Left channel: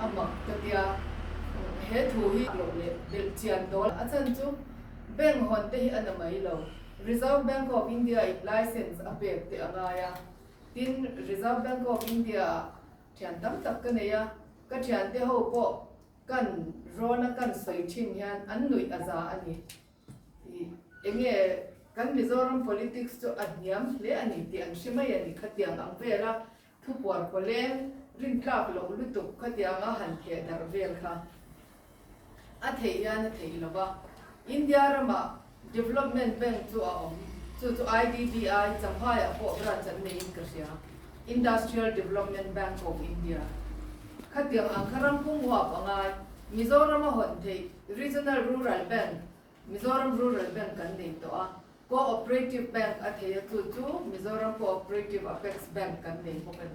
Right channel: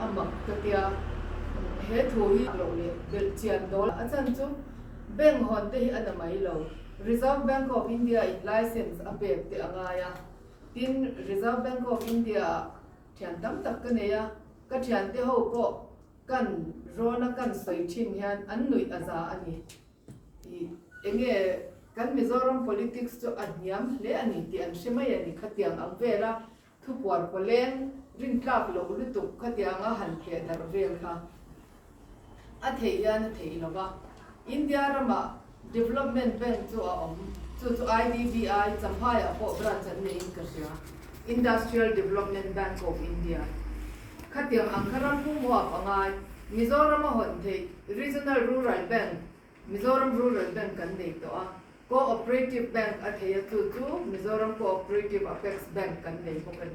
amak takia he thu hi lo le bel chian dol achan chu bank hon te hi anamai lo Reserve Bank of India license apek te angaya tin Reserve Bank of India thian tam tak ka neya ka thian te ho ko kan rona kan soi thim hian an nui aza ani enge kan Mizoram politics to adniam le ani ti an shimai ani khatiang ang vera thupuar poleng rin tlak lo lutuk khatiang a han the dar vel kha a theiya na theilawa India rama development bank to IDBI champhaya ko branch an nei kasya Industrial Development Bank of India khatiang ang kharam pungwa pangai Mizoram hon thei Regional Rural Bank Mizoram Rural Bank kan nei to a Cooperative Bank athaya tu Mizoram Cooperative Apex Bank kan nei ko kan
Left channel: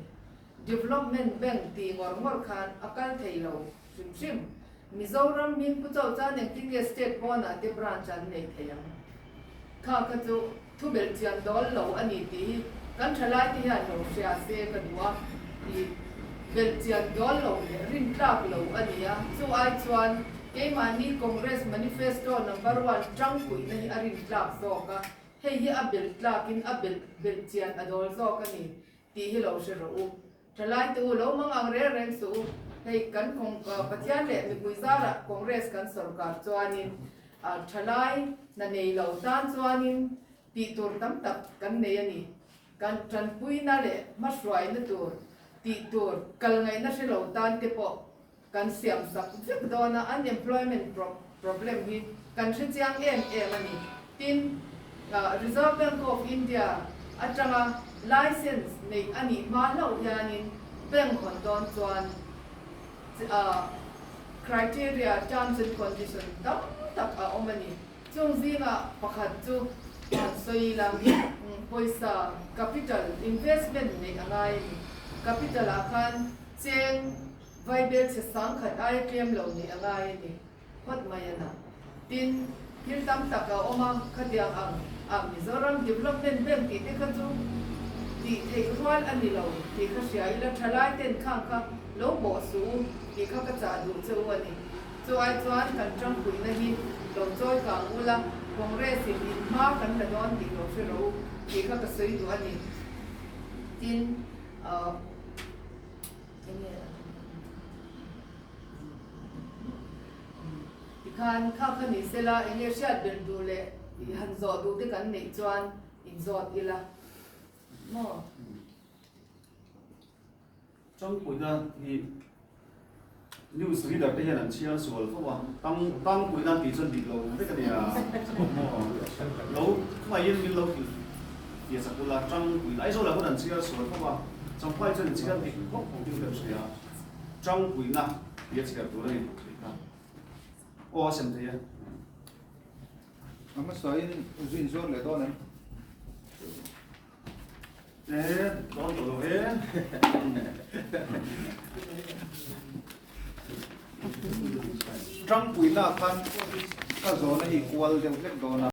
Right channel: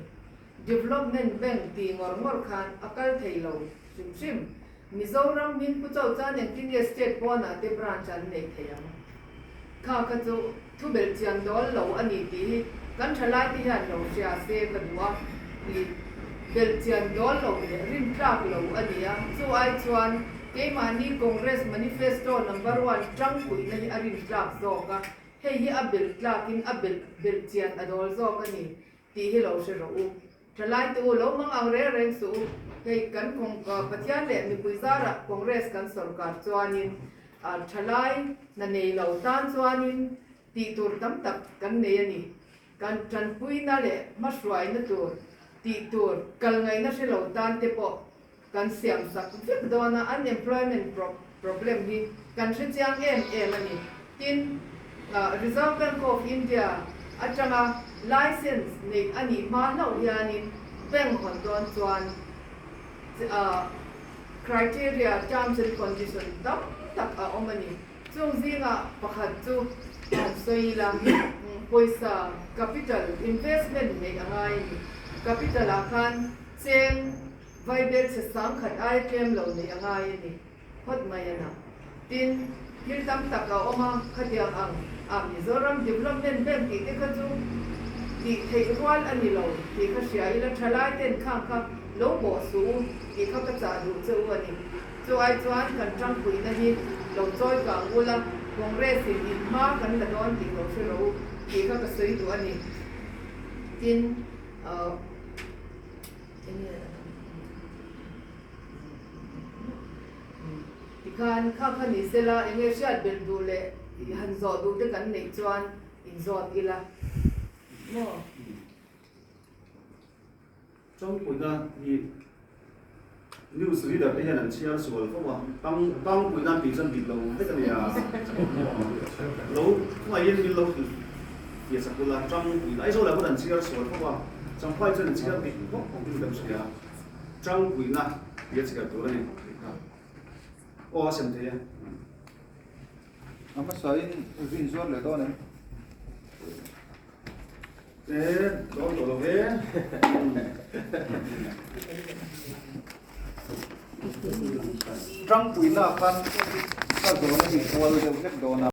Development Bank ti ngor khan akal theilo sim Mizoram min pu chau chan eng tin state bona te branch an nei theya kha ka chu thu bel chiang dol lo ani ti kan thala ti han lo sia se ka duwa ti bel chiang dol lo le rin tlak lo ania chu ai chuan ke mani Congress manifesto number 1 trang pui nei arin tlak zo ka hei hi a bel tlakin a bel chiang adol zo ka ni ti hi lo se ro thalai tu lo mang ang re reng su hei kan kong pathian le mi puizara Congress kan sarkar chuanin thalai na nei lo tan chuanin ti tur tam tak kan nei ani kan tran pui na le masruai na tur ti tur kal ngai na se lo tan te po kan siam sak fik dona unemployment problem hi kan se chiang ani tin Reserve Bank of India atanga license nei ani ma lo hianin bank hon don chuan criteria terms and conditions tak omani chung zinga pakhat chu soila poisa capital investment nei angai capital akan cheng vaibel se sang khat item lo nei angai ni hot mayana tin hirtam taka oma khatiang ang Mizoram Development Bank ti te kaju ti thei rual ani lo ti ka sia ila thalai ten khang kha lo bo su ti ka ka cha du chu ani chu ai chuan kan tang pui na hi lo choi ka ula Congress in ma kan la don ti lo se ro ti ka ka sui du ani tin kan kha ni sela enge shat bel du le han zo du te kan nei chuan in zot ila mo trong buổi ra thì news reader bây giờ là chia sẻ không ạ tăng buổi ra thì dân bị lâu thế cái này lâu ngoài yên bị lâu thì sẽ là trong buổi lái số là có lần chia sẻ không ạ trong quay chân chia bị không được làm gì à trong buổi na biết gì cả tuổi này ô xem thế ama sai vin zor le do ne đó đồ thế trong buổi na kan ka zo ne equal de do na